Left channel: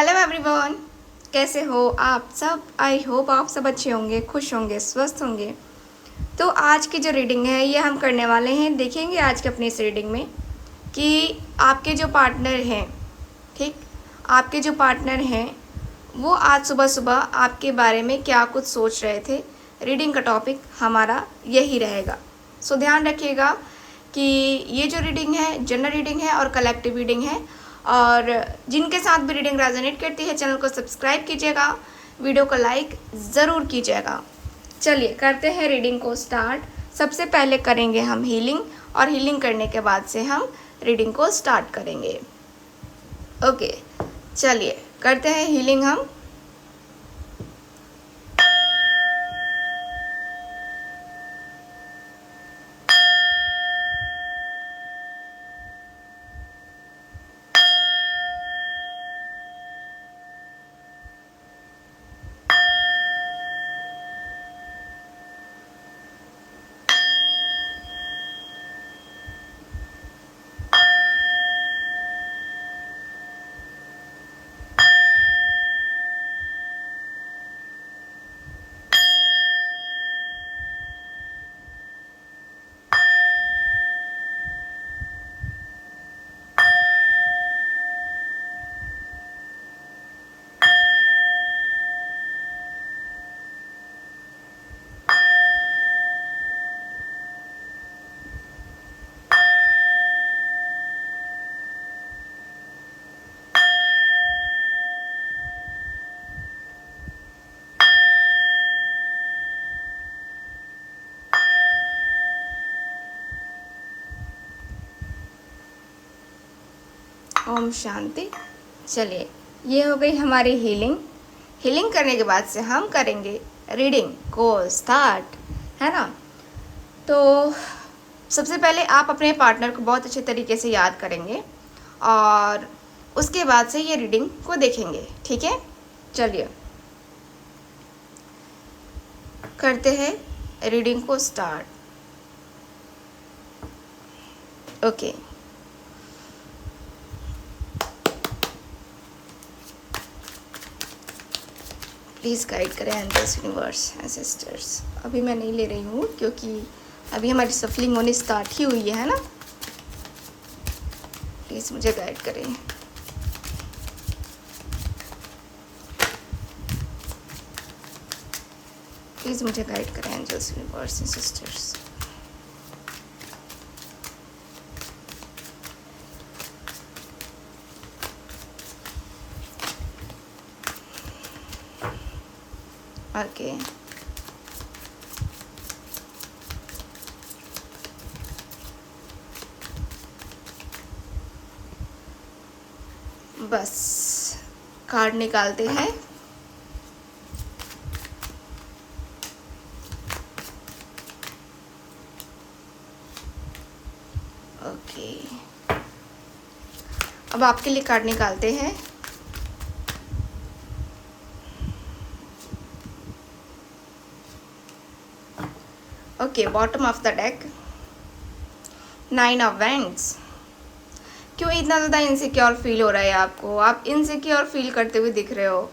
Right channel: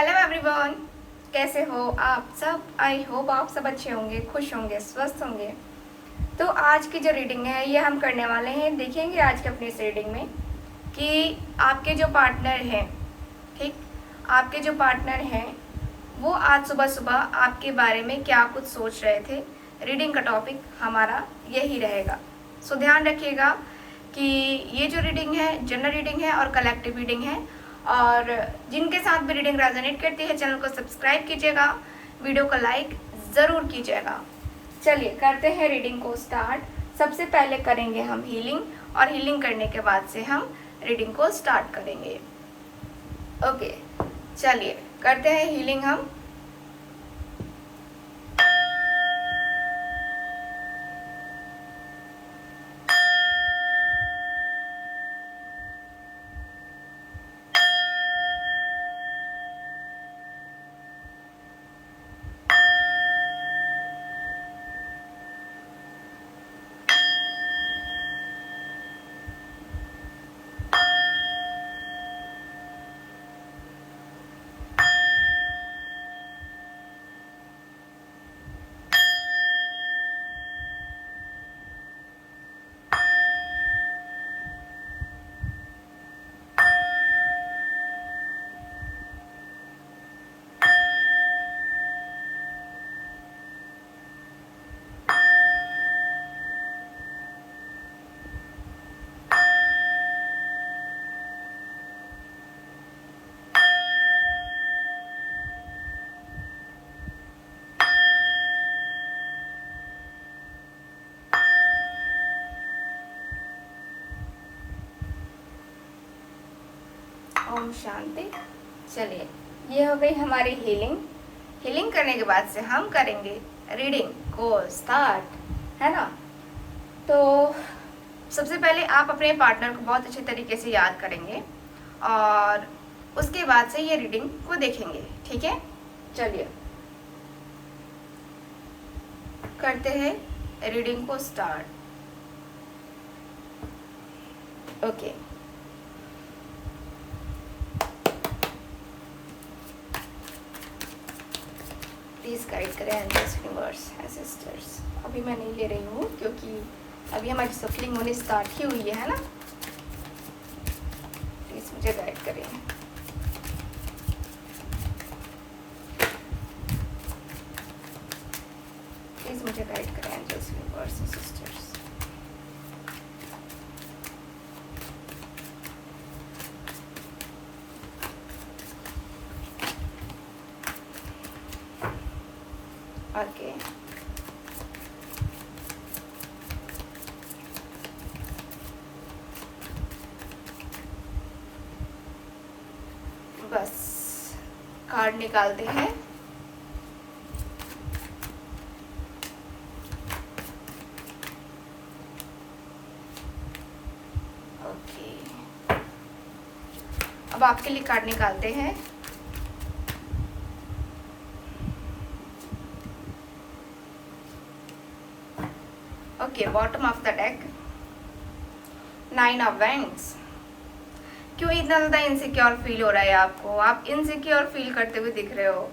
Hello everyone, कैसे हो आप सब। आई होप आप सब अच्छे होंगे, खुश होंगे, स्वस्थ होंगे। तो आज की जो रीडिंग है ये हम करने वाले हैं। देखेंगे आज के अपने इस रीडिंग में कि आपके जो पार्टनर हैं, ठीक, आपके जो पार्टनर हैं वो आज सुबह सुबह आपके बारे में क्या कुछ सोच रहे थे। रीडिंग का टॉपिक हमारा यही रहेगा। सो ध्यान रखिएगा कि ये जो रीडिंग है जनरल रीडिंग है और कलेक्टिव रीडिंग है, और जिनके साथ भी रीडिंग रेजोनेट करती है चैनल को सब्सक्राइब कीजिएगा, वीडियो को लाइक ज़रूर कीजिएगा। चलिए करते हैं रीडिंग को स्टार्ट। सबसे पहले करेंगे हम हीलिंग, और हीलिंग करने के बाद से हम रीडिंग को स्टार्ट करेंगे। ओके, चलिए करते हैं हीलिंग हम। ओम शांति। चलिए ये हो गई हमारी हीलिंग। हीलिंग करने के बाद से हम करेंगे रीडिंग को स्टार्ट, है ना। तो सबसे पहले आप अपने पार्टनर को बहुत अच्छे तरीके से याद करेंगे और उसके बाद से ये रीडिंग को देखेंगे, ठीक है। चलिए करते हैं रीडिंग को स्टार्ट। ओके, प्लीज़ गाइड करें एंजल्स, यूनिवर्स, एंसेस्टर्स। अभी मैं नहीं ले रही हूँ क्योंकि अभी हमारी सफलिंग होनी स्टार्ट ही हुई है ना। प्लीज़ मुझे गाइड करें। प्लीज़ मुझे गाइड करें एंजल्स, यूनिवर्स, एंसेस्टर्स। ओके, बस कार्ड निकालते हैं। ओके, अब आपके लिए कार्ड निकालते हैं। Okay, bottom of the deck, 9 of wands. क्यों इतना ज़्यादा इनसिक्योर फील हो रहा है आपको? आप इनसिक्योर फील करते हुए दिख रहे हो।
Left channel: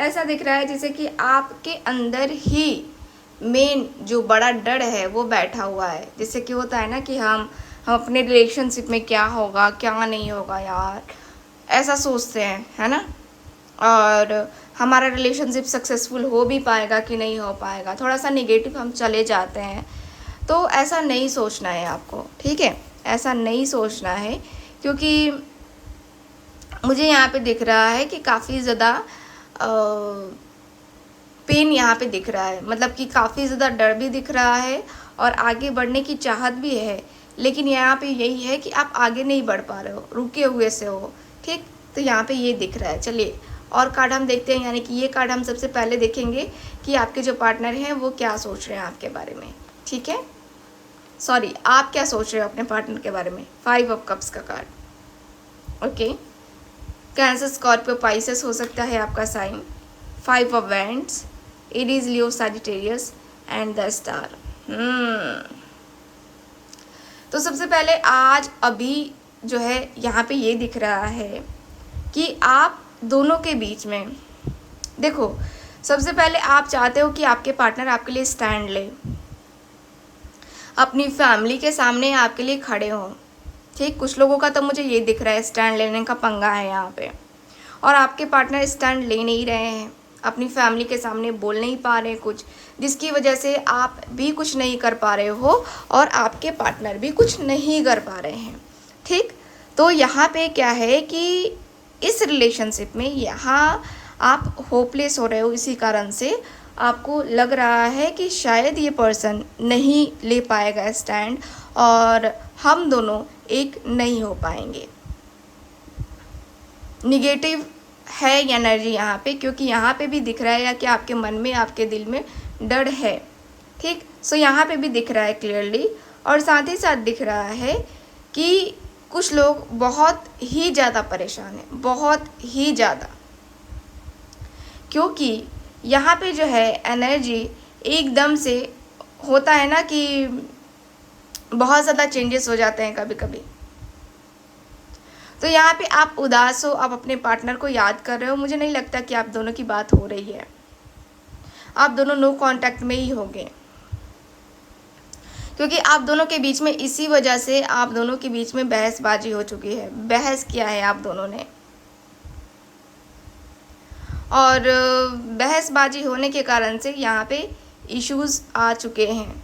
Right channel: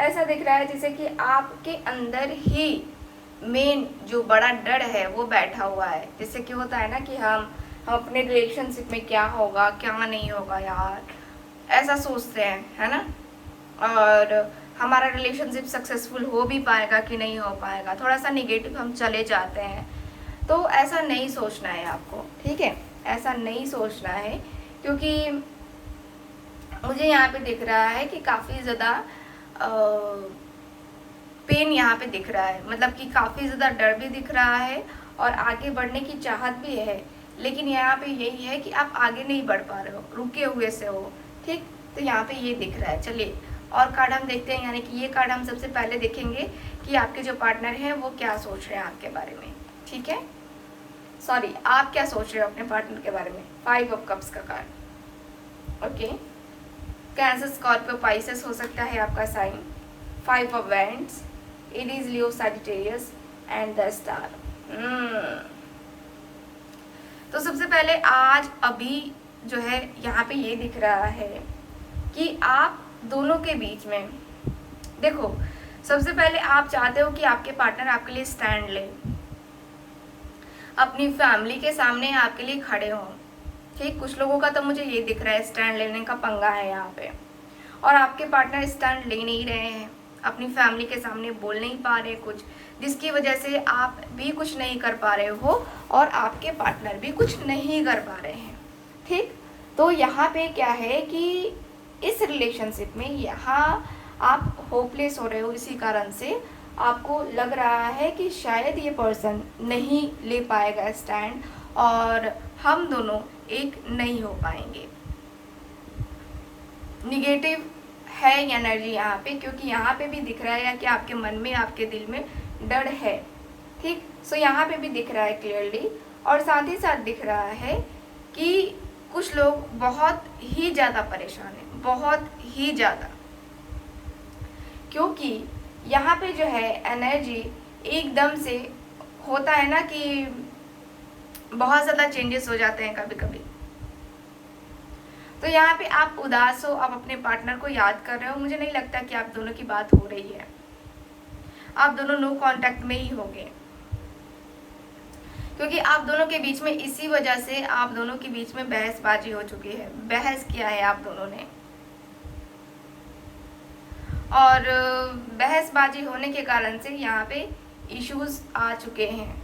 ऐसा दिख रहा है जैसे कि आपके अंदर ही मेन जो बड़ा डर है वो बैठा हुआ है। जैसे कि होता है ना कि हम अपने रिलेशनशिप में क्या होगा क्या नहीं होगा यार, ऐसा सोचते हैं, है ना। और हमारा रिलेशनशिप सक्सेसफुल हो भी पाएगा कि नहीं हो पाएगा, थोड़ा सा निगेटिव हम चले जाते हैं। तो ऐसा नहीं सोचना है आपको, ठीक है। ऐसा नहीं सोचना है क्योंकि मुझे यहाँ पे दिख रहा है कि काफ़ी ज़्यादा पेन यहाँ पे दिख रहा है, मतलब कि काफ़ी ज़्यादा डर भी दिख रहा है और आगे बढ़ने की चाहत भी है। लेकिन यहाँ पे यही है कि आप आगे नहीं बढ़ पा रहे हो, रुके हुए से हो, ठीक। तो यहाँ पे ये दिख रहा है। चलिए और कार्ड हम देखते हैं, यानी कि ये कार्ड हम सबसे पहले देखेंगे कि आपके जो पार्टनर हैं वो क्या सोच रहे हैं आपके बारे में, ठीक है। सॉरी, आप क्या सोच रहे हो अपने पार्टनर के बारे में। 5 ऑफ कप्स का card. Okay, cancer, Scorpio, Pisces हो सकता है आपका sign. 5 of wands, Aries, Leo, Sagittarius and the star. तो सबसे पहले आज अभी जो है यहाँ पे ये दिख रहा है कि आप दोनों के बीच में, देखो सबसे पहले आप चाहते हो कि आपके पार्टनर आपके लिए स्टैंड ले, अपनी फैमिली के सामने आपके लिए खड़े हों। ठीक, कुछ लोगों का तो मुझे ये दिख रहा है स्टैंड लेने का पंगा है यहाँ पे, और आपके पार्टनर स्टैंड ले नहीं रहे हैं, अपनी फैमिली के सामने बोल नहीं पा रहे कुछ, जिसकी वजह से आप भी कुछ नहीं कर पा रहे हो और आपके पार्टनर भी कुछ नहीं कर पा रहे हैं। ठीक, तो यहाँ पे क्या है कि इस रिलेशनशिप में यहाँ आप होपलेस हो रहे हो, इसी कारण से आपको लग रहा है कि शायद ये पर्सन नहीं ले पाएगा स्टैंड और हम दोनों एक नहीं हो पाएंगे। निगेटिव है एनर्जी यहाँ पे, क्योंकि यहाँ पे भी दिख रहा है कि आपके मन में, आपके दिल में डर है। ठीक, सो यहाँ पे भी दिख रहा है क्लियरली, और साथ ही साथ दिख रहा है कि कुछ लोग बहुत ही ज़्यादा परेशान हैं, बहुत ही ज़्यादा, क्योंकि यहाँ पे जो है एनर्जी एकदम से होता है ना कि बहुत ज़्यादा चेंजेस हो जाते हैं कभी कभी। तो यहाँ पे आप उदास हो, आप अपने पार्टनर को याद कर रहे हो, मुझे नहीं लगता कि आप दोनों की बात हो रही है, आप दोनों नो कांटेक्ट में ही होंगे, क्योंकि आप दोनों के बीच में इसी वजह से आप दोनों के बीच में बहसबाजी हो चुकी है। बहस किया है आप दोनों ने, और बहसबाजी होने के कारण से यहाँ पे इश्यूज आ चुके हैं,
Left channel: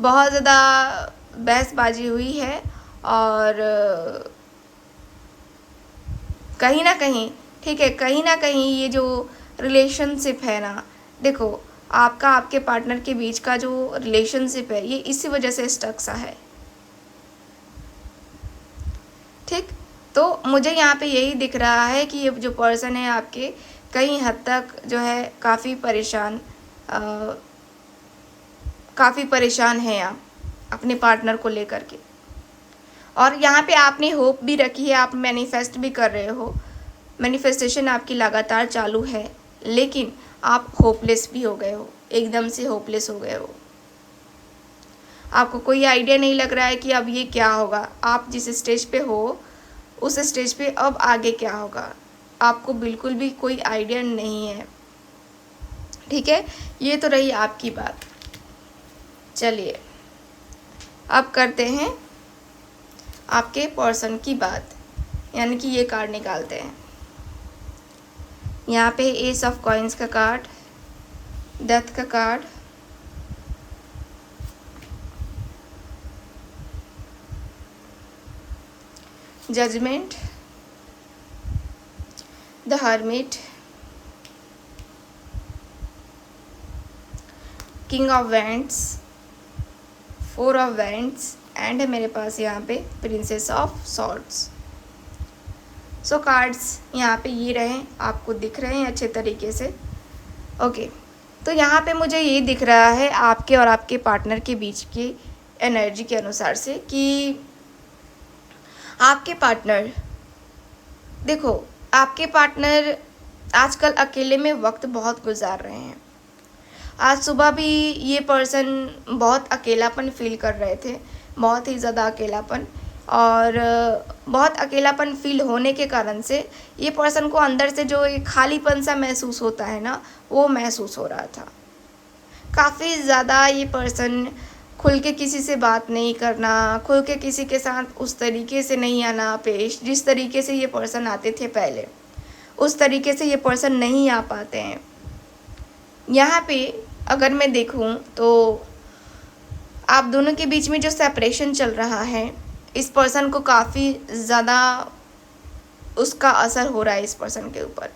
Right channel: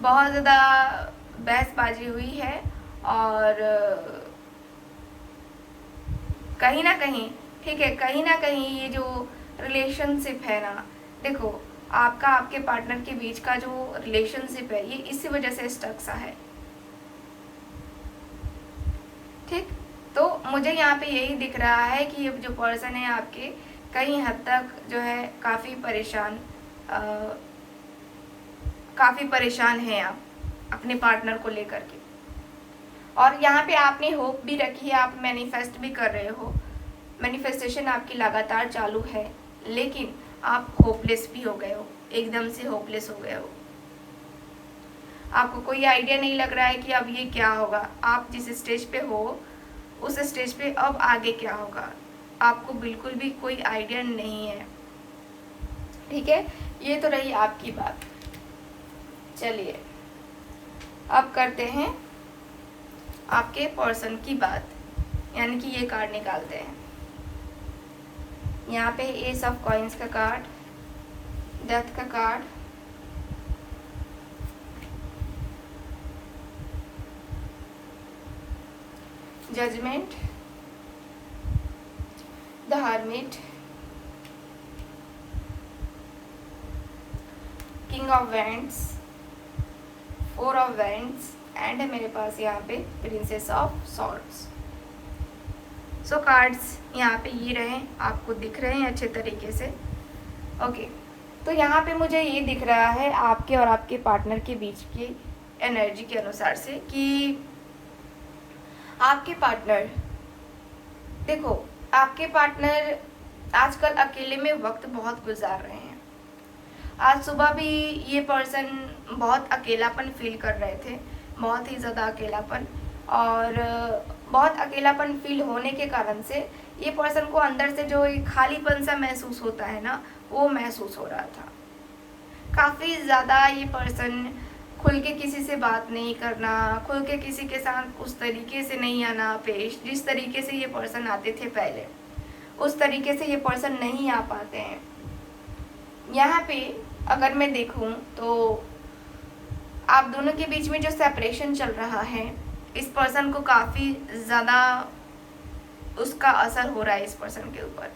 बहुत ज़्यादा बहसबाजी हुई है, और कहीं ना कहीं, ठीक है, कहीं ना कहीं ये जो रिलेशनशिप है ना, देखो आपका आपके पार्टनर के बीच का जो रिलेशनशिप है ये इसी वजह से स्टक सा है। ठीक, तो मुझे यहाँ पे यही दिख रहा है कि ये जो पर्सन है आपके कहीं हद तक जो है काफ़ी परेशान है आप अपने पार्टनर को लेकर के, और यहाँ पे आपने होप भी रखी है, आप मैनिफेस्ट भी कर रहे हो, मैनिफेस्टेशन आपकी लगातार चालू है, लेकिन आप होपलेस भी हो गए हो, एकदम से होपलेस हो गए हो। आपको कोई आइडिया नहीं लग रहा है कि अब ये क्या होगा, आप जिस स्टेज पे हो उस स्टेज पे अब आगे क्या होगा, आपको बिल्कुल भी कोई आइडिया नहीं है। ठीक है, ये तो रही आपकी बात। चलिए अब करते हैं आपके पर्सन की बात, यानी कि ये कार्ड निकालते हैं। यहाँ पे एस ऑफ कॉइन्स का कार्ड, डेथ का card, judgement, the hermit, king of wands, four of wands, and मेरे पास यहाँ पे princess of swords. So cards यहाँ पे ये रहे, आपको दिख रहे हैं अच्छे तरीके से। ओके, तो यहाँ पे मुझे ये दिख रहा है आपके और आपके पार्टनर के बीच की एनर्जी के अनुसार से कि आपके पार्टनर, देखो आपके पार्टनर आजकल अकेले में वक्त बहुत गुजार रहे हैं। आज सुबह भी ये पर्सन बहुत अकेलापन फील कर रहे थे, बहुत ही ज़्यादा अकेलापन, और बहुत अकेलापन फील होने के कारण से ये पर्सन को अंदर से जो एक खालीपन सा महसूस होता है ना, वो महसूस हो रहा था काफ़ी ज़्यादा। ये पर्सन खुल के किसी से बात नहीं करना, खुल के किसी के साथ उस तरीके से नहीं आना पेश, जिस तरीके से ये पर्सन आते थे पहले, उस तरीके से ये पर्सन नहीं आ पाते हैं। यहाँ पे अगर मैं देखूँ तो आप दोनों के बीच में जो सेपरेशन चल रहा है, इस पर्सन को काफ़ी ज़्यादा उसका असर हो रहा है इस पर्सन के ऊपर।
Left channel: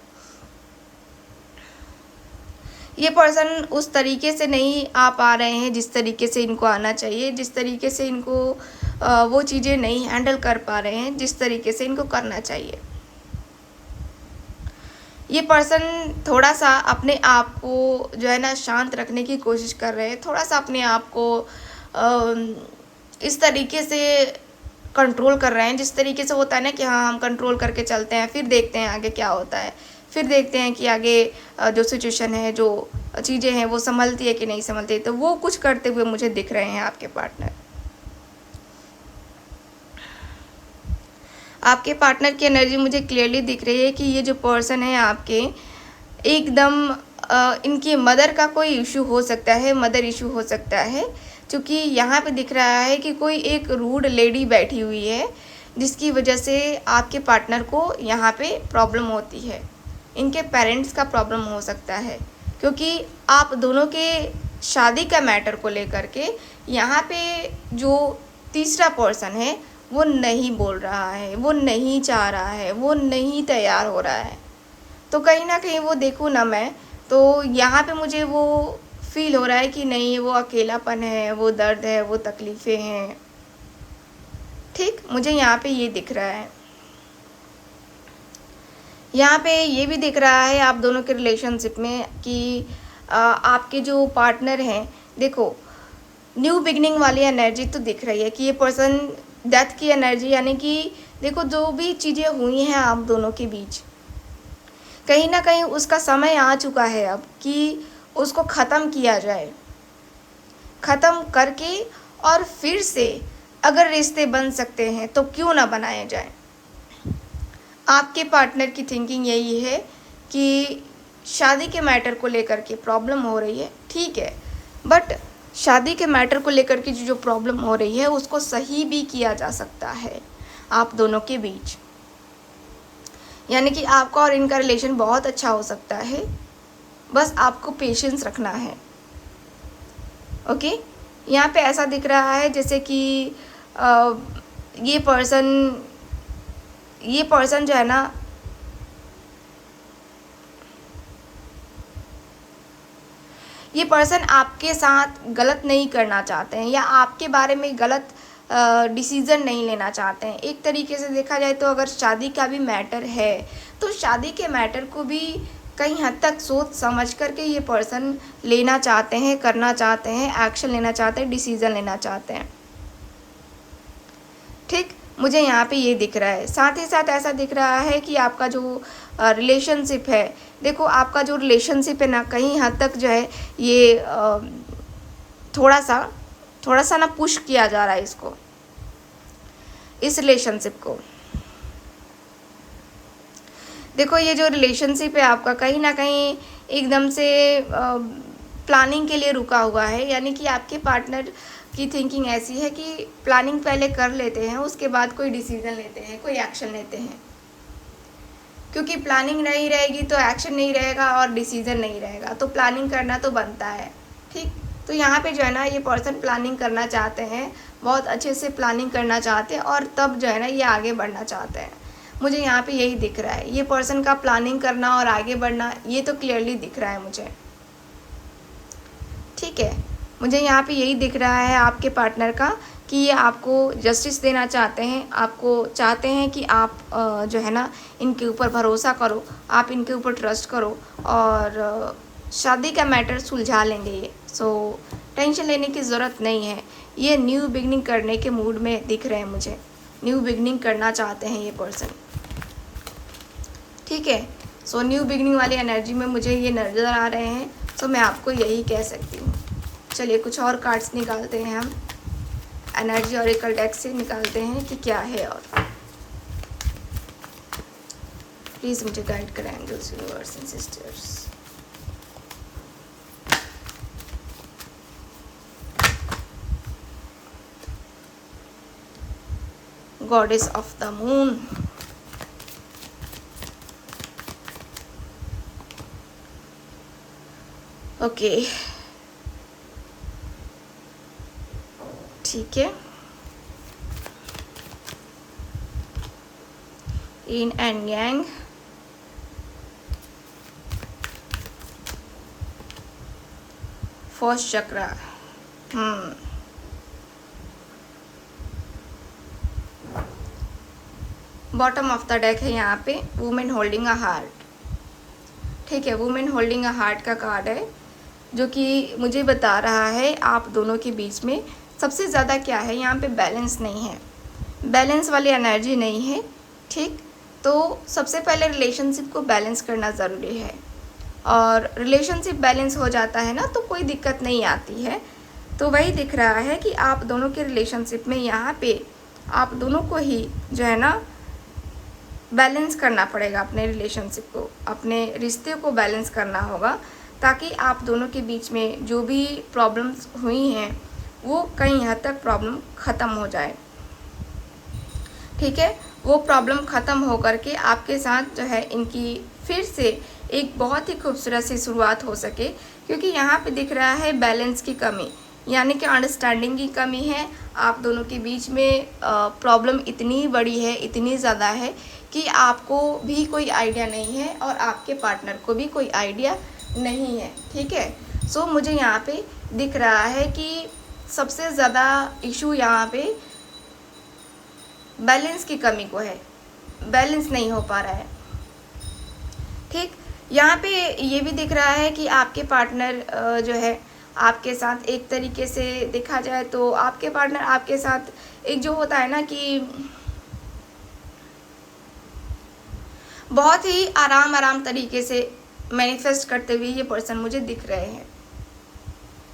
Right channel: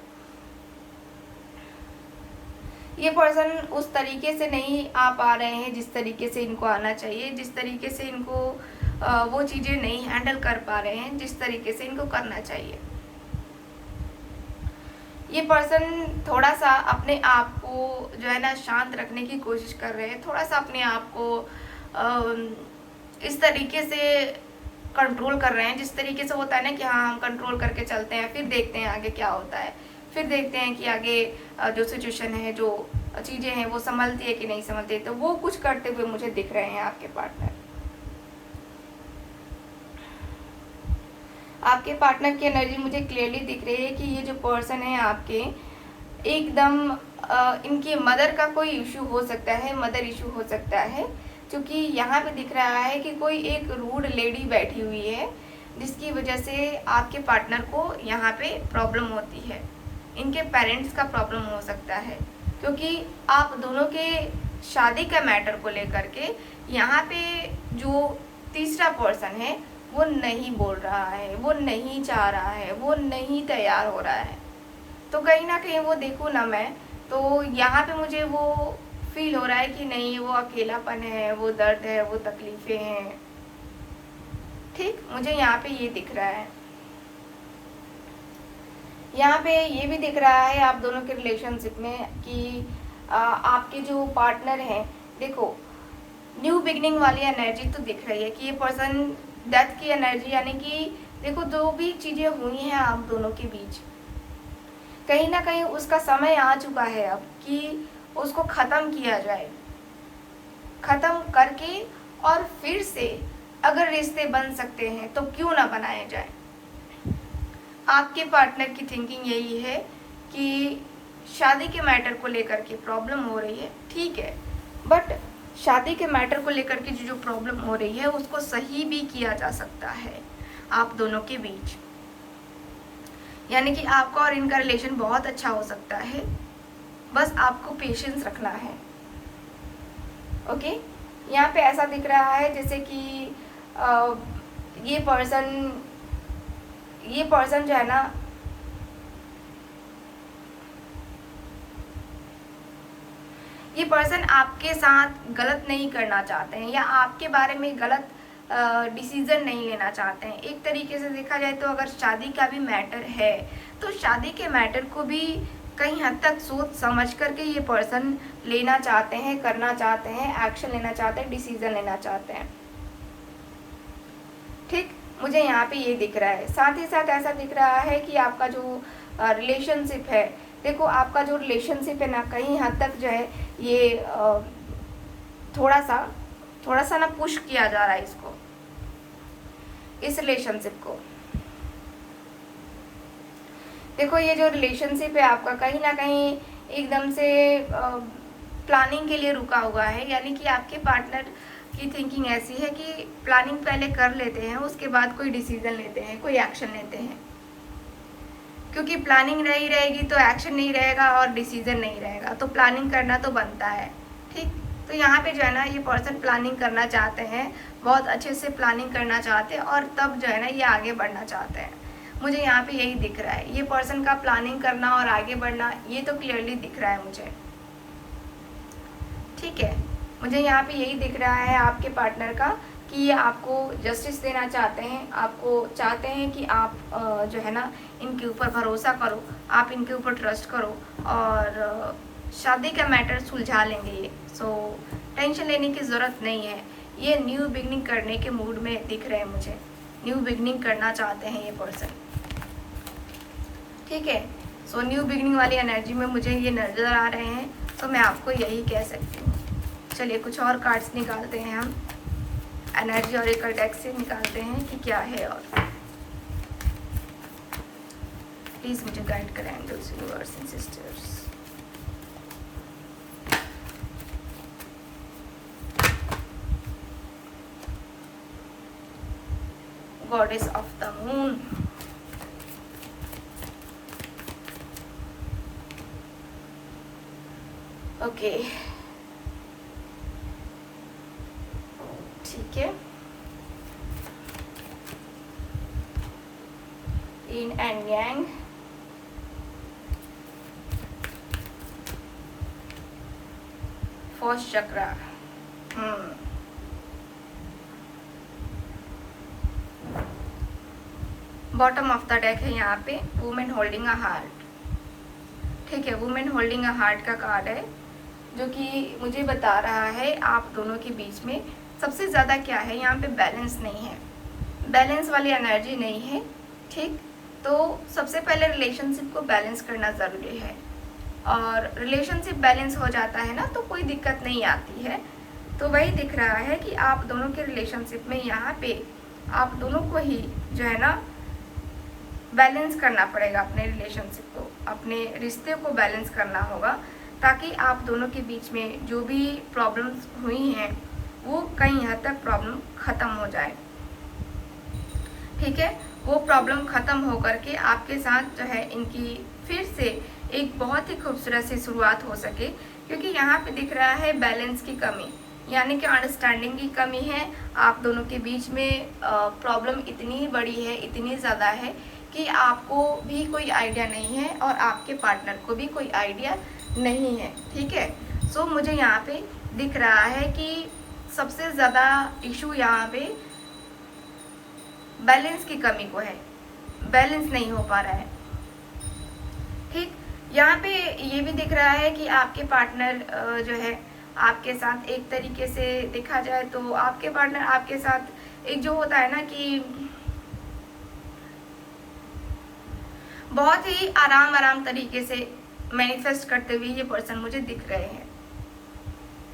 ये पर्सन उस तरीके से नहीं आ पा रहे हैं जिस तरीके से इनको आना चाहिए, जिस तरीके से इनको वो चीज़ें नहीं हैंडल कर पा रहे हैं जिस तरीके से इनको करना चाहिए। ये पर्सन थोड़ा सा अपने आप को जो है ना शांत रखने की कोशिश कर रहे हैं, थोड़ा सा अपने आप को इस तरीके से कंट्रोल कर रहे हैं जिस तरीके से होता है ना कि हाँ हम कंट्रोल करके चलते हैं, फिर देखते हैं आगे क्या होता है, फिर देखते हैं कि आगे जो सिचुएशन है, जो चीज़ें हैं वो संभलती है कि नहीं संभलती। तो वो कुछ करते हुए मुझे दिख रहे हैं आपके पार्टनर। आपके पार्टनर की एनर्जी मुझे क्लियरली दिख रही है कि ये जो पर्सन है आपके एकदम इनकी मदर का कोई इशू हो सकता है, मदर इशू हो सकता है, क्योंकि यहाँ पे दिख रहा है कि कोई एक रूड लेडी बैठी हुई है जिसकी वजह से आपके पार्टनर को यहाँ पे प्रॉब्लम होती है। इनके पेरेंट्स का प्रॉब्लम हो सकता है, क्योंकि आप दोनों के शादी का मैटर को लेकर के यहाँ पे जो तीसरा पर्सन है वो नहीं बोल रहा है, वो नहीं चाह रहा है, वो नहीं तैयार हो रहा है। तो कहीं ना कहीं वो देखूँ ना मैं, तो यहाँ पे मुझे वो फील हो रहा है कि नहीं, वो अकेलापन है, वो दर्द है, वो तकलीफ़ें हैं। ठीक, मुझे यहाँ पे ये दिख रहा है। यहाँ पे ये भी दिख रहा है आप दोनों के रिलेशनशिप में कि आपके जो पार्टनर हैं, देखो न्यू बिगनिंग वाली एनर्जी तो दिख रही है कि ये पर्सन डेथ की एनर्जी, यानी कि देखो जो भी चीज़ें हुई हैं आप दोनों के बीच, कहीं ना कहीं उसका समय आ चुका है अब कि उसको ख़त्म किया जाए। ख़त्म करके और फिर से अगर रिश्ते बन सकते हैं तो क्यों ना बनाए जाए। आपके पार्टनर की थिंकिंग यही है कि शादी के मैटर को लेकर के प्रॉब्लम हो रही है, ठीक है, बट शादी के मैटर को लेकर के जो प्रॉब्लम हो रही है उसको सही भी किया जा सकता है आप दोनों के बीच। यानी कि आपका और इनका रिलेशन बहुत अच्छा हो सकता है, बस आपको पेशेंस रखना है। ओके, यहाँ पे ऐसा दिख रहा है जैसे कि ये पर्सन जो है ना, ये पर्सन आपके साथ गलत नहीं करना चाहते हैं या आपके बारे में गलत डिसीज़न नहीं लेना चाहते हैं। एक तरीके से देखा जाए तो अगर शादी का भी मैटर है तो शादी के मैटर को भी कहीं हद तक सोच समझ करके ये पर्सन लेना चाहते हैं, करना चाहते हैं, एक्शन लेना चाहते हैं, डिसीज़न लेना चाहते हैं। ठीक, मुझे यहाँ पे ये दिख रहा है। साथ ही साथ ऐसा दिख रहा है कि आपका जो रिलेशनशिप है, देखो आपका जो रिलेशनशिप है ना, कहीं हद तक जो है ये थोड़ा सा ना पुश किया जा रहा है इसको, इस रिलेशनशिप को। देखो ये जो रिलेशनशिप है आपका कहीं ना कहीं एकदम से प्लानिंग के लिए रुका हुआ है, यानी कि आपके पार्टनर की थिंकिंग ऐसी है कि प्लानिंग पहले कर लेते हैं, उसके बाद कोई डिसीजन लेते हैं, कोई एक्शन लेते हैं। क्योंकि प्लानिंग नहीं रहेगी तो एक्शन नहीं रहेगा और डिसीजन नहीं रहेगा, तो प्लानिंग करना तो बनता है। ठीक, तो यहाँ पे जो है ना ये पर्सन प्लानिंग करना चाहते हैं, बहुत अच्छे से प्लानिंग करना चाहते हैं और तब जो है ना ये आगे बढ़ना चाहते हैं। मुझे यहाँ पे यही दिख रहा है, ये पर्सन का प्लानिंग करना और आगे बढ़ना ये तो क्लियरली दिख रहा है मुझे। ठीक है, मुझे यहाँ पे यही दिख रहा है आपके पार्टनर का कि ये आपको जस्टिस देना चाहते हैं, आपको चाहते हैं कि आप जो है ना इनके ऊपर भरोसा करो, आप इनके ऊपर ट्रस्ट करो और शादी का मैटर सुलझा लेंगे ये। सो टेंशन लेने की ज़रूरत नहीं है, ये न्यू बिगनिंग करने के मूड में दिख रहे हैं मुझे, न्यू बिगनिंग करना चाहते हैं ये पर्सन। ठीक है, सो न्यू बिगनिंग वाली एनर्जी में मुझे ये नज़र आ रहे हैं, सो मैं आपको यही कह सकती हूँ। चलिए कुछ और कार्ड्स निकालते हैं, हम एनर्जी ऑरेकल डेक से निकालते हैं कि क्या है। और प्लीज़ मुझे गाइड करें angels, universe and sisters. Goddess of the moon, okay ठीक है। yin and yang, first chakra, bottom of the deck है यहाँ पे वुमेन होल्डिंग अ हार्ट। ठीक है, वुमेन होल्डिंग अ हार्ट का कार्ड है जो कि मुझे बता रहा है आप दोनों के बीच में सबसे ज़्यादा क्या है, यहाँ पे बैलेंस नहीं है, बैलेंस वाली एनर्जी नहीं है। ठीक, तो सबसे पहले रिलेशनशिप को बैलेंस करना ज़रूरी है और रिलेशनशिप बैलेंस हो जाता है ना तो कोई दिक्कत नहीं आती है। तो वही दिख रहा है कि आप दोनों के रिलेशनशिप में यहाँ पे आप दोनों को ही जो है ना बैलेंस करना पड़ेगा अपने रिलेशनशिप को, अपने रिश्ते को बैलेंस करना होगा, ताकि आप दोनों के बीच में जो भी प्रॉब्लम्स हुई हैं वो कई हद तक प्रॉब्लम ख़त्म हो जाए। ठीक है, वो प्रॉब्लम ख़त्म हो करके आपके साथ जो है इनकी फिर से एक बहुत ही खूबसूरत सी शुरुआत हो सके। क्योंकि यहाँ पे दिख रहा है बैलेंस की कमी, यानी कि अंडरस्टैंडिंग की कमी है। आप दोनों के बीच में प्रॉब्लम इतनी बड़ी है, इतनी ज़्यादा है कि आपको भी कोई आइडिया नहीं है और आपके पार्टनर को भी कोई आइडिया नहीं है। ठीक है, सो मुझे यहाँ पे दिख रहा है कि सबसे ज़्यादा इशू यहाँ पे बैलेंस की कमी को है, बैलेंस नहीं हो पा रहा है। ठीक, यहाँ पे ये भी दिख रहा है कि आपके पार्टनर जो है आपके साथ एक तरीके से देखा जाए तो आपके पार्टनर आपके साथ एक जो होता है ना कि बहुत ही आराम तरीके से मैनिफेस्ट करते हुए ये पर्सन मुझे दिख रहे हैं।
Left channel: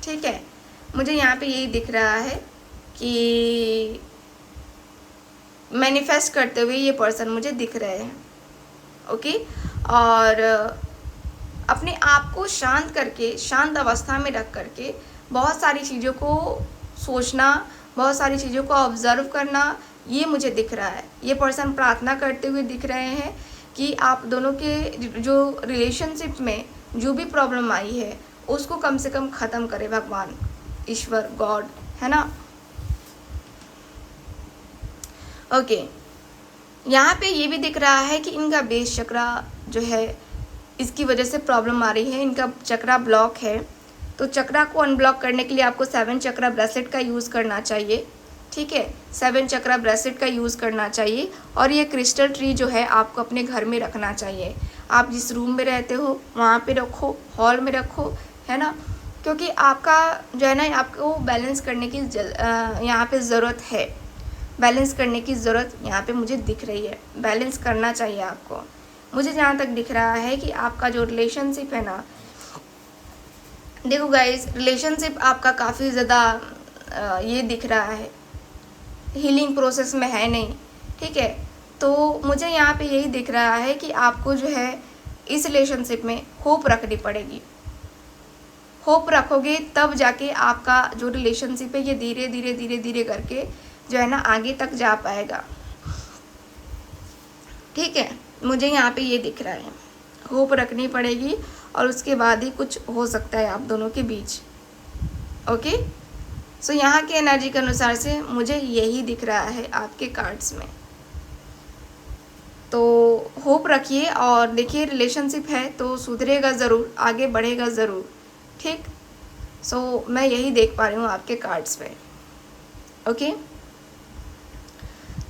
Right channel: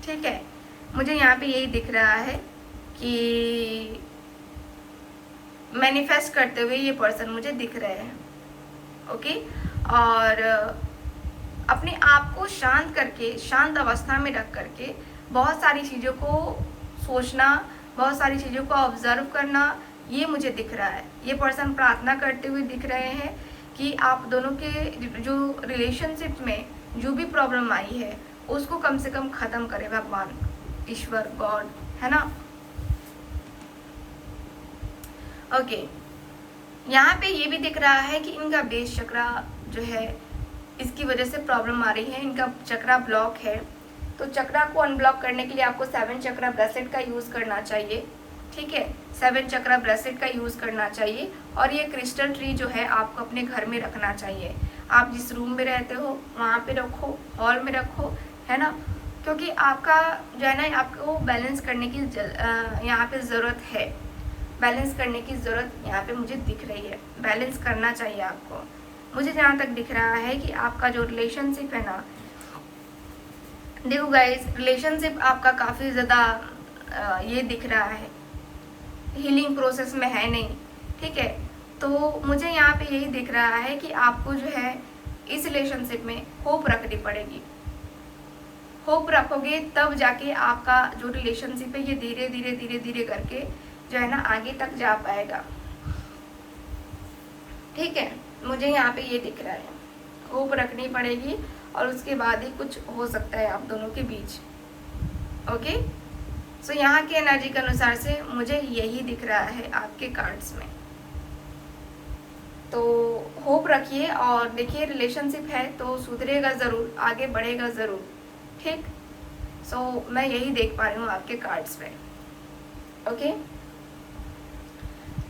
ठीक है, मुझे यहाँ पे यही दिख रहा है कि मैनिफेस्ट करते हुए ये पर्सन मुझे दिख रहे हैं। ओके, और अपने आप को शांत करके, शांत अवस्था में रख करके बहुत सारी चीज़ों को सोचना, बहुत सारी चीज़ों को ऑब्जर्व करना, ये मुझे दिख रहा है। ये पर्सन प्रार्थना करते हुए दिख रहे हैं कि आप दोनों के जो रिलेशनशिप में जो भी प्रॉब्लम आई है उसको कम से कम ख़त्म करे भगवान, ईश्वर, गॉड, है ना। ओके, यहाँ पे ये भी दिख रहा है कि इनका बेस चक्रा जो है इसकी वजह से प्रॉब्लम आ रही है, इनका चक्रा ब्लॉक है। तो चक्रा को अनब्लॉक करने के लिए आपको 7 चक्रा ब्रेसलेट का यूज़ करना चाहिए। ठीक है, 7 चक्रा ब्रेसलेट का यूज़ करना चाहिए। और ये क्रिस्टल ट्री जो है आपको अपने घर में रखना चाहिए। आप जिस रूम में रहते हो वहाँ पे रखो, हॉल में रखो, है ना। क्योंकि आपका जो है ना, आपको बैलेंस करने की यहाँ पे ज़रूरत है, बैलेंस करने की ज़रूरत यहाँ पे मुझे दिख रही है। बैलेंस करना चाहिए आपको। मुझे जहाँ तक दिख रहा है कि आपका जो रिलेशनशिप है ना, देखो गाइस, रिलेशनशिप आपका काफ़ी ज़्यादा ये दिख रहा है, हीलिंग प्रोसेस में है नहीं। ठीक है, तो मुझे यहाँ पे यही दिख रहा है कि आपको जो है इस रिलेशनशिप में होप रखनी पड़ेगी। होप रखोगे तब जाके आपका जो रिलेशनशिप है ये धीरे धीरे धीरे धीरे करके जो है ना आगे तक जा पाएगा। ठीक है, मुझे यहाँ पे ये दिख रहा है, होप रखनी पड़ेगी और उसके बाद ही कुछ हो सकता है आप दोनों के बीच। ओके, सो यहाँ के एनर्जी के अनुसार से मुझे यही दिख रहा है आपके कार्ड्स में। तो होप रखिए और देखिए, रिलेशनशिप है तो सुधरेगा ज़रूर, आगे बढ़ेगा ज़रूर। ठीक, सो मैं यही देख पा रही हूँ आपके कार्ड्स पे। ओके,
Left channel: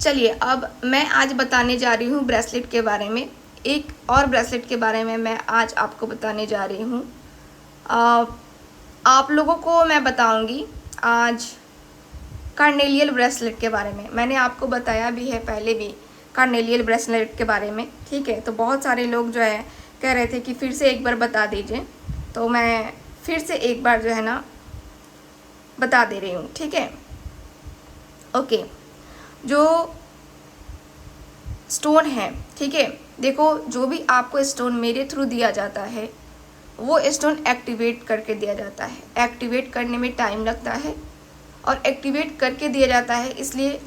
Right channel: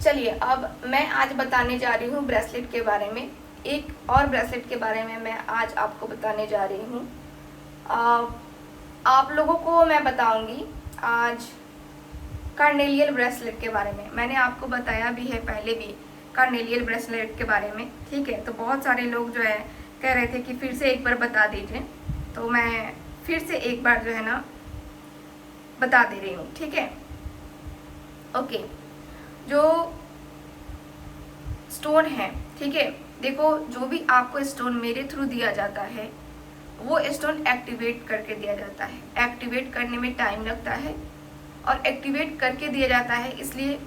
चलिए अब मैं आज बताने जा रही हूँ ब्रेसलेट के बारे में। एक और ब्रेसलेट के बारे में मैं आज आपको बताने जा रही हूँ। आप लोगों को मैं बताऊंगी आज कार्नेलियल ब्रेसलेट के बारे में। मैंने आपको बताया भी है पहले भी कार्नेलियल ब्रेसलेट के बारे में। ठीक है, तो बहुत सारे लोग जो है कह रहे थे कि फिर से एक बार बता दीजिए, तो मैं फिर से एक बार जो है ना बता दे रही हूँ। ठीक है, ओके, जो स्टोन है, ठीक है, देखो जो भी आपको स्टोन मेरे थ्रू दिया जाता है वो स्टोन एक्टिवेट करके दिया जाता है। एक्टिवेट करने में टाइम लगता है और एक्टिवेट करके दिया जाता है, इसलिए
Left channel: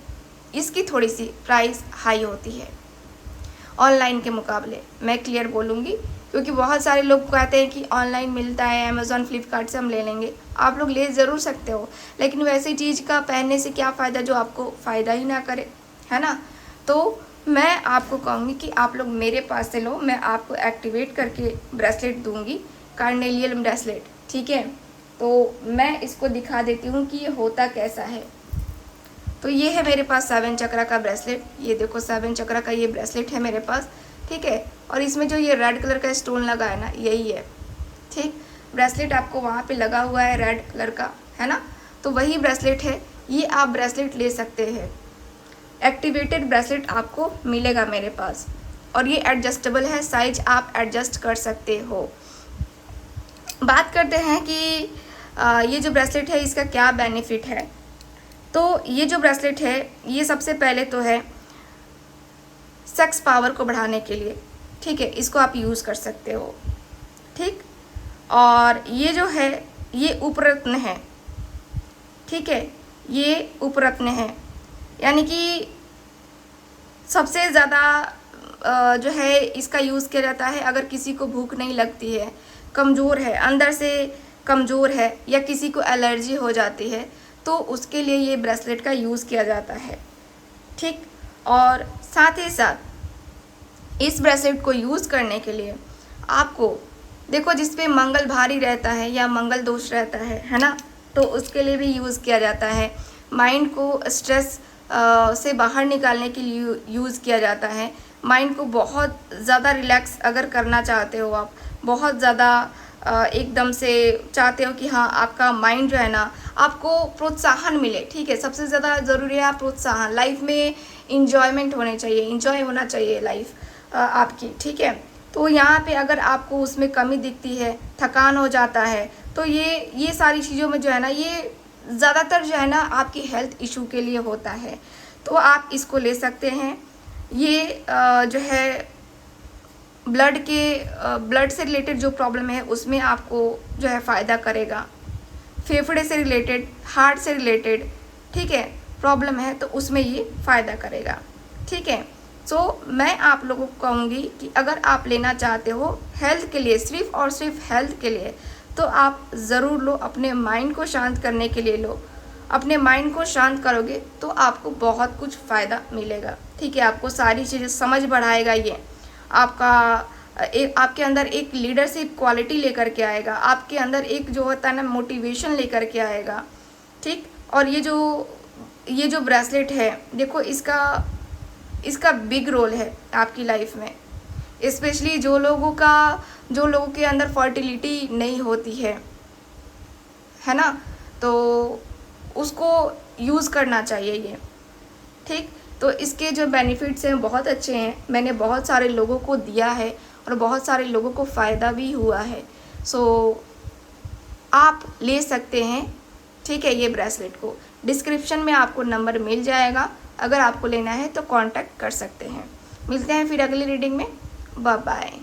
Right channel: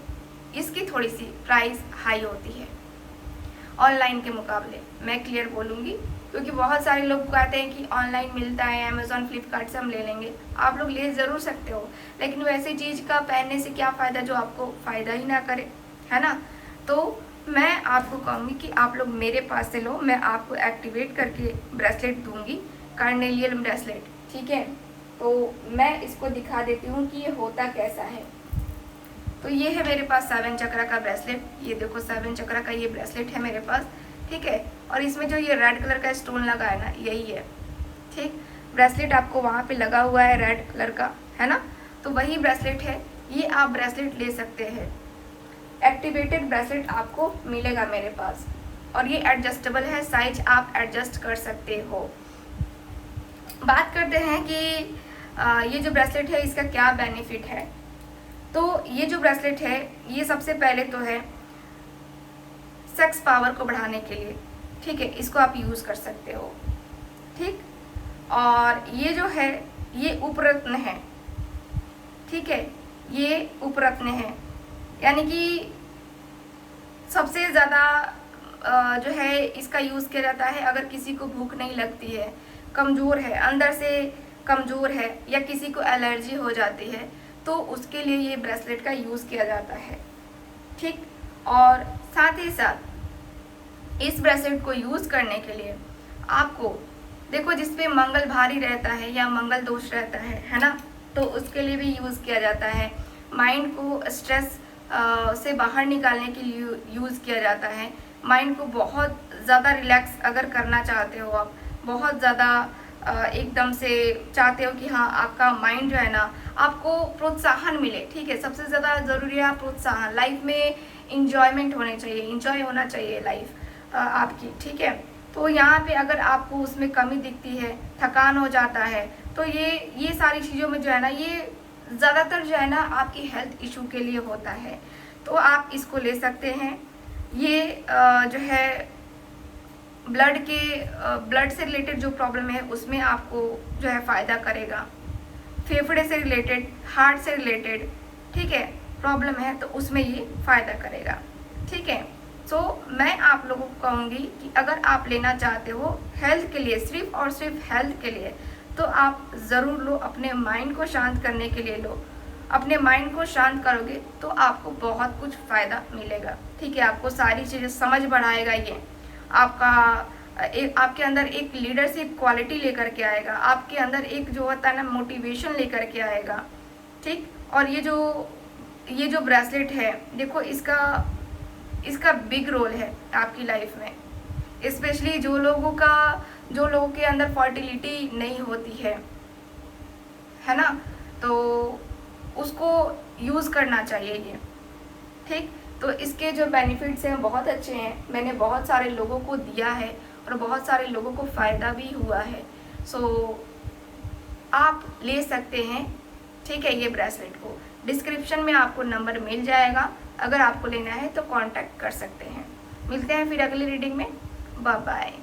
इसकी थोड़ी सी प्राइस हाई होती है ऑनलाइन के मुकाबले। मैं क्लियर बोलूँगी क्योंकि बहुत सारे लोग कहते हैं कि ऑनलाइन मिलता है, अमेज़ॉन, फ्लिपकार्ट से हम ले लेंगे। आप लोग ले ज़रूर सकते हो, लेकिन वैसी चीज़ का पहनने से क्या फ़ायदा जो आपको फ़ायदा ही ना करे, है ना। तो मैं आपको कहूँगी कि आप लोग मेरे पास से लो, मैं आपको एक्टिवेट करके ब्रेसलेट दूँगी, कार्नेलियल ब्रेसलेट। ठीक है, तो मैं इसको दिखा देती हूँ कि ये होता कैसा है। तो ये है मेरे पास 7 चक्रा का ब्रेसलेट। ये देखो 7 चक्रा का ये ब्रेसलेट है मेरे पास। ठीक है, और इसमें जो ये रेड कलर का स्टोन लगा है ना, यही है। ठीक, ब्रेसलेट आपको वहाँ पे लगा हुआ है रेड कलर का, है ना, तो वही ब्रेसलेट है। ये आप ब्रेसलेट ले सकते हैं, एक्टिवेटेड ब्रेसलेट आपको मिलेगा मेरे पास। और ये एडजस्टेबल है, साइज आप एडजस्ट कर सकते हो। बात करते हैं कि ये जो ब्रेसलेट है इसका क्या बेनिफिट है। तो ये जो ब्रेसलेट है ये सबसे पहले तो है सेक्स पावर को बढ़ाने के लिए, ठीक है, इसको आप यूज़ कर सकते हो। ठीक, और ये जो है ये उपरत्न है, ठीक है, ये उपरत्न है, यानी कि सबसे ज़्यादा जो है इसका यूज़ किया जाता है अगर किसी को भूख नहीं लगती है, कमज़ोर है, अंदर से कमज़ोर है, या किसी को एलर्जी हो जाती है, तो उसके लिए ये ब्रेसलेट का यूज़ किया जाता है। ठीक, और साथ ही साथ इस ब्रेसलेट को यूज़ करने के लिए आपको देखो, जिसपे मंगल भारी रहता है या मंगल दोष रहता है ना, तो उसके लिए भी यूज़ किया जाता है। माइंड को स्ट्रेस से बाहर निकालने के लिए यूज़ किया जाता है। माइंड को बहुत ज़्यादा रिलैक्स अगर करना चाहते हो आप, बहुत ज़्यादा एकदम से चाहते हो कि हाँ आपका माइंड जो है ना, आपको प्रोत्साहन मिले, ठीक है, सबसे ज़्यादा ज़रूरी है प्रोत्साहन। लाइफ में इंजॉयमेंट होने चाहिए, इंजॉय होना चाहिए लाइफ आपकी, ठीक है। तो यहाँ पे अगर आपको उसमें कमी दिखती है, थकान हो जाता है, तो ये सारी चीज़ों में जो है ना, ये ज़्यादातर जो है ना आपकी हेल्थ इशू के लिए होता है। तो आप इसको ले सकते हैं। ये जो है ब्लड से रिलेटेड जो प्रॉब्लम है उसमें आपको जो है फ़ायदा करेगा। फेफड़े से रिलेटेड, हार्ट से रिलेटेड, ठीक है, प्रॉब्लम है तो उसमें ये फ़ायदा करेगा, ठीक है। तो मैं आप लोगों को कहूँगी कि अगर आप लेना चाहते हो हेल्थ के लिए, सिर्फ और सिर्फ हेल्थ के लिए, तो आप ज़रूर लो। अपने माइंड को शांत करने के लिए लो। अपने माइंड को शांत करोगे तो आपको बहुत कुछ फ़ायदा मिलेगा, ठीक है। आपको सारी चीज़ें समझ बढ़ाएगा ये, आपका आपके अंदर एक लीडरशिप क्वालिटी लेकर के आएगा, आपके अंदर एक जो होता है ना मोटिवेशन लेकर के आएगा, ठीक। और ये जो ब्रेसलेट है, देखो इसका बिग रोल है आपकी लाइफ में, स्पेशली जो लोगों के अंदर फर्टिलिटी नहीं होती है ना, तो उसको यूज़ करना चाहिए ये, ठीक। तो इसके जो बेनिफिट्स हैं बहुत अच्छे हैं, मैंने बहुत सारे लोगों को दिया है और बहुत सारे लोगों को फ़ायदा भी हुआ है। सो आप ले सकते हैं, ठीक है। ये ब्रेसलेट को डिस्क्रिप्शन में आपको नंबर मिल जाएगा, अगर आपको लेना है तो कांटेक्ट कर सकते हैं। मिलते हैं फिर अगली रीडिंग में। Bye bye.